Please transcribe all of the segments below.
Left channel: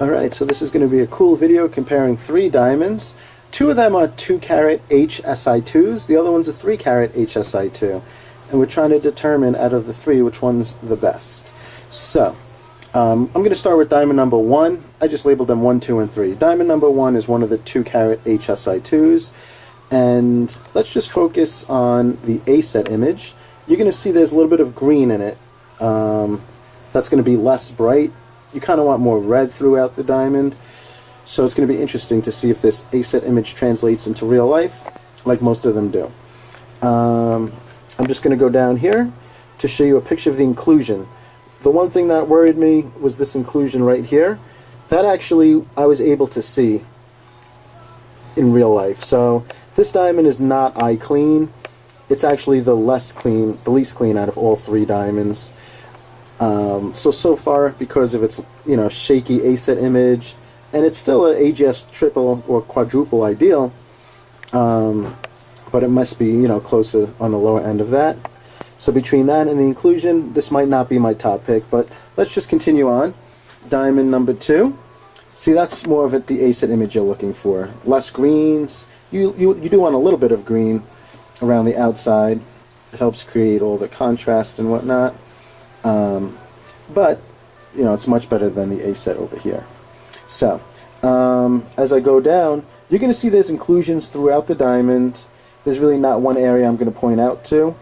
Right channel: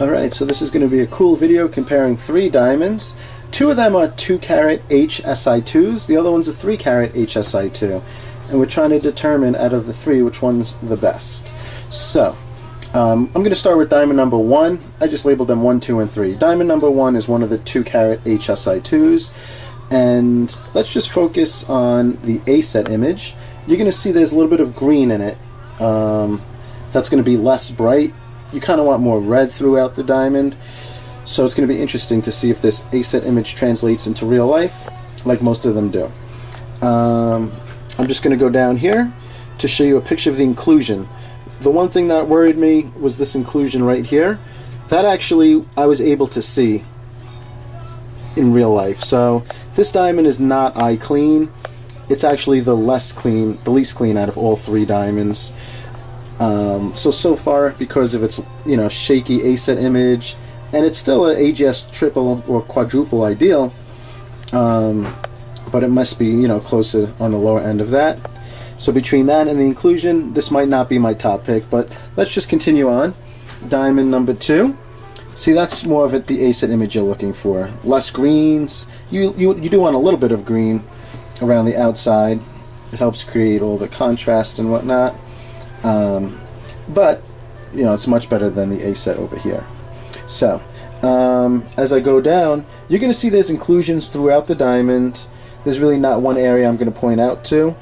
Alright, so this is going to be a cool video comparing 3 diamonds. 2 of them are 2-carat H SI2s, the other one's a 3-carat H SI2. And we're trying to determine out of the 3 which one's the best. So, I'm going to start with diamond number 1. I just labeled them 1, 2, and 3. Diamond number 1 is one of the 2-carat H SI2s. And let's just focus on the A set image. You're going to see there's a little bit of green in it. That's going to be less bright. You kind of want more red throughout the diamond. So it's going to be interesting to see if this A set image translates into real life, like most of them do. I'm just going to go down here to show you a picture of the inclusion. The one thing that worried me was this inclusion right here. That actually I was able to see in real life. So this diamond is not eye clean. It's actually the least clean out of all 3 diamonds. So far, because of its shaky A set image, and it's still an AGS triple or quadruple ideal, but it must be closer on the lower end of that. So between that and the inclusion, this might not be my top pick, but let's just continue on. Diamond number 2. See, that's more of the A set image you're looking for. Less greens. You do want a little bit of green around the outside. It helps create all the contrast and whatnot. But it's much better than the A set over here. So as I go down, you're going to see there's inclusions throughout the diamond. There's really not one area I'm going to point out to,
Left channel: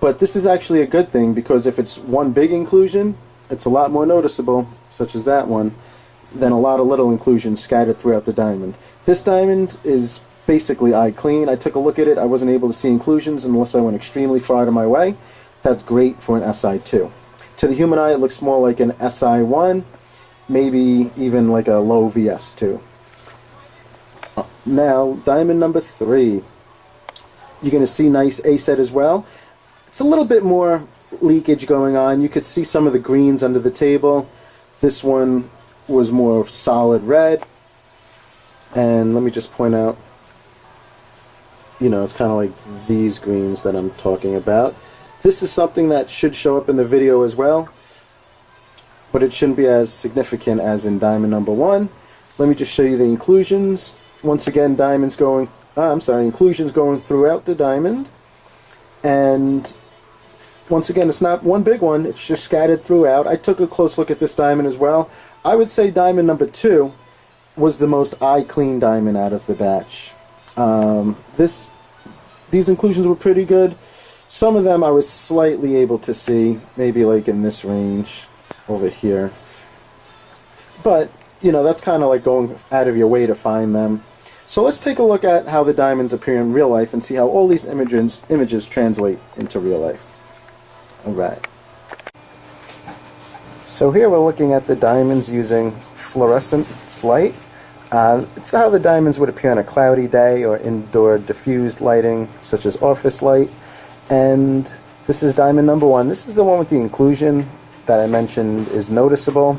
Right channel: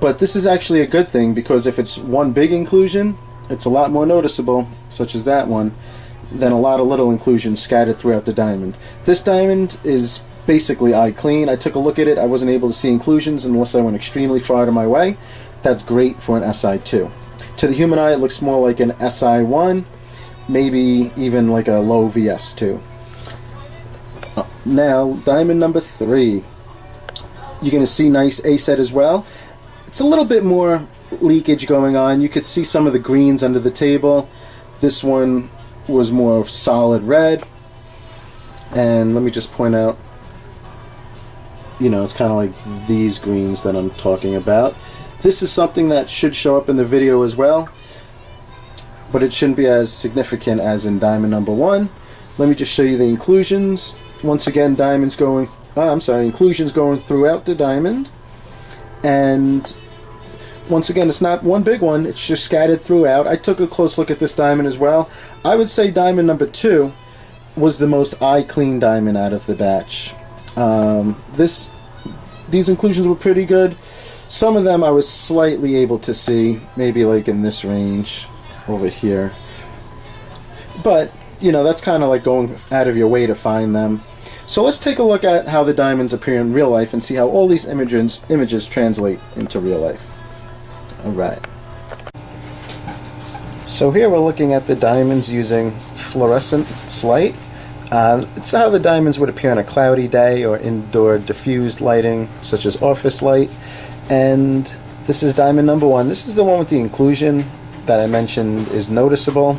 but this is actually a good thing, because if it's one big inclusion, it's a lot more noticeable, such as that one, than a lot of little inclusions scattered throughout the diamond. This diamond is basically eye clean. I took a look at it. I wasn't able to see inclusions unless I went extremely far out of my way. That's great for an SI2. To the human eye, it looks more like an SI1, maybe even like a low VS2. Now, diamond number 3. You're going to see nice A set as well. It's a little bit more leakage going on. You could see some of the greens under the table. This one was more solid red. And let me just point out, it's kind of like these greens that I'm talking about. This is something that should show up in the video as well, but it shouldn't be as significant as in diamond number 1. Let me just show you the inclusions. Once again, inclusions going throughout the diamond. And once again, it's not one big one, it's just scattered throughout. I took a close look at this diamond as well. I would say diamond number 2 was the most eye clean diamond out of the batch. These inclusions were pretty good. Some of them I was slightly able to see, maybe like in this range over here. But, that's kind of like going out of your way to find them. So let's take a look at how the diamonds appear in real life and see how all these images translate into real life. Alright. So here we're looking at the diamonds using fluorescent light. It's how the diamonds would appear on a cloudy day or indoor diffused lighting, such as office light. And this is diamond number 1. This is the one with the inclusion that I mentioned is noticeable.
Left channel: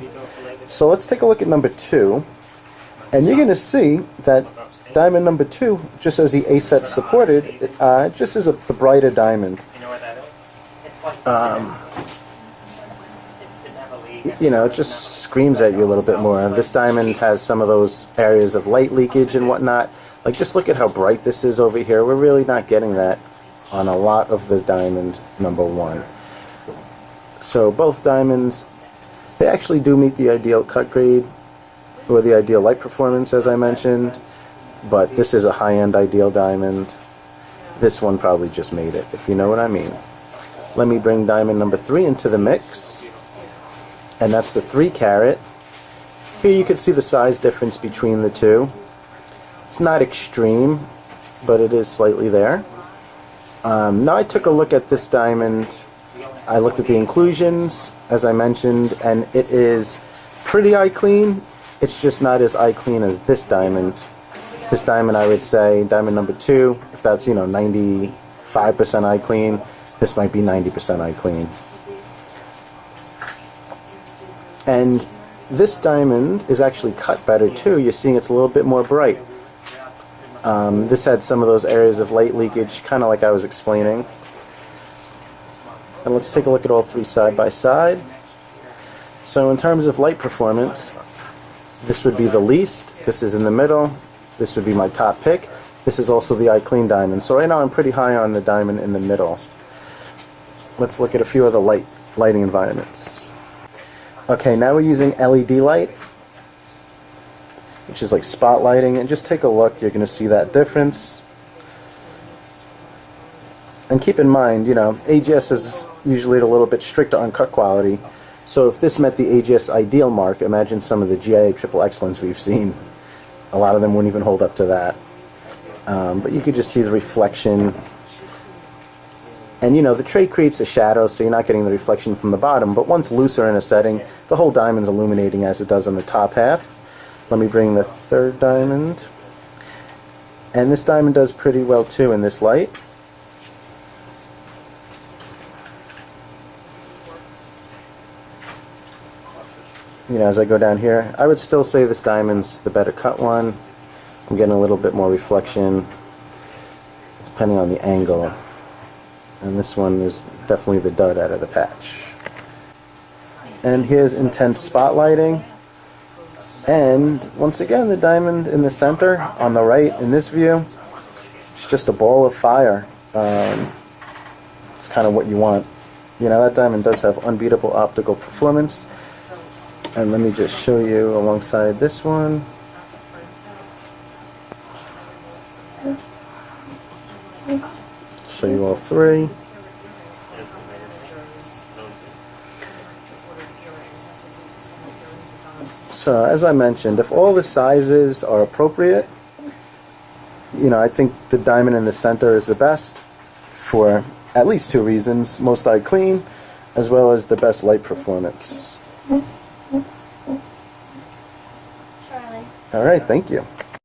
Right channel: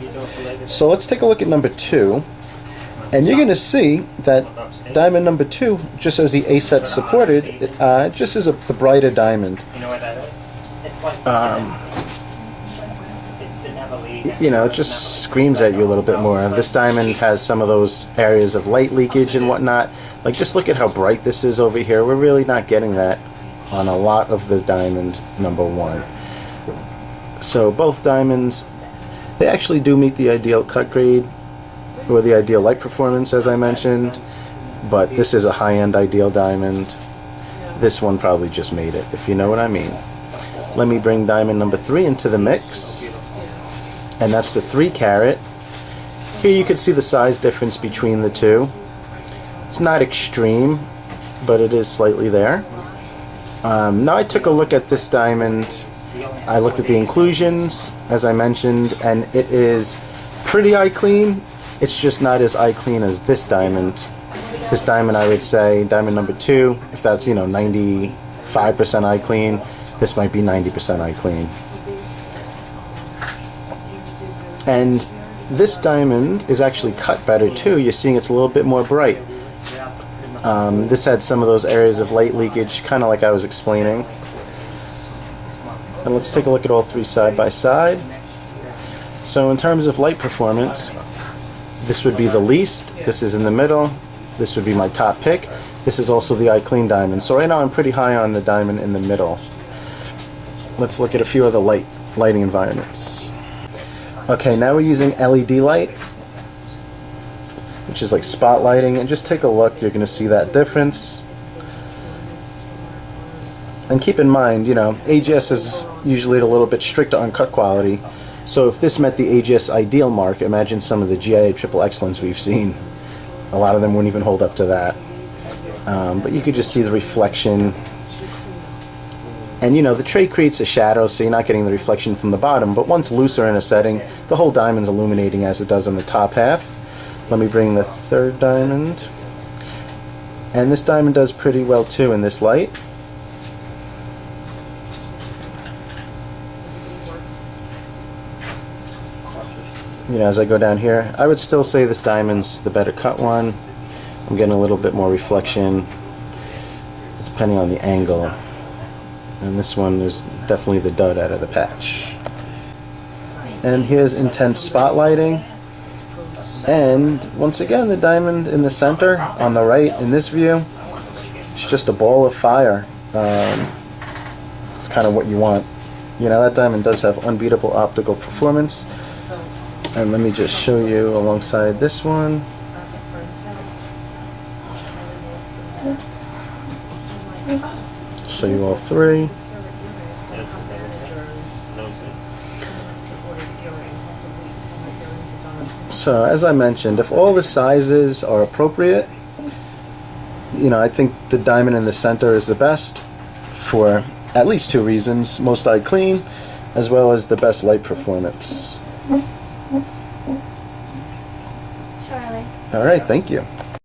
So let's take a look at number 2. And you're going to see that diamond number 2, just as the A set supported, it just is the brighter diamond. It just screams at you a little bit more. This diamond has some of those areas of light leakage and whatnot. Like, just look at how bright this is over here. We're really not getting that on a lot of the diamond number 1. So both diamonds, they actually do meet the ideal cut grade or the ideal light performance, as I mentioned, but this is a high-end ideal diamond. This one probably just made it, if you know what I mean. Let me bring diamond number 3 into the mix, and that's the 3-carat. Here you can see the size difference between the two. It's not extreme, but it is slightly there. Now I took a look at this diamond. I looked at the inclusions, as I mentioned, and it is pretty eye clean. It's just not as eye clean as this diamond. This diamond, I would say, diamond number 2, if that's 95% eye clean, this might be 90% eye clean. And this diamond is actually cut better too. You're seeing it's a little bit more bright. This had some of those areas of light leakage, kind of like I was explaining. And let's take a look at all 3 side by side. So in terms of light performance, This would be the least. This is in the middle. This would be my top pick. This is also the eye clean diamond. So right now I'm pretty high on the diamond in the middle. Let's look at a few of the lighting environments. Okay, now we're using LED light, which is like spotlighting, and just take a look. You're going to see that difference. And keep in mind, you know, AGS is usually a little bit stricter on cut quality. So if this met the AGS ideal mark, imagine some of the GIA triple excellence we've seen. A lot of them wouldn't even hold up to that. But you could just see the reflection. And you know, the tray creates a shadow, so you're not getting the reflection from the bottom. But once looser in a setting, the whole diamond's illuminating as it does on the top half. Let me bring the third diamond. And this diamond does pretty well too in this light. You know, as I go down here, I would still say this diamond's the better cut one. I'm getting a little bit more reflection depending on the angle. And this one is definitely the dud out of the patch. And here's intense spotlighting. And once again, the diamond in the center on the right in this view, it's just a ball of fire. It's kind of what you want. You know, that diamond does have unbeatable optical performance. And let me just show you alongside this one. Show you all three. So as I mentioned, if all the sizes are appropriate, you know, I think the diamond in the center is the best for at least two reasons: most eye clean, as well as the best light performance. Charlie. All right, thank you.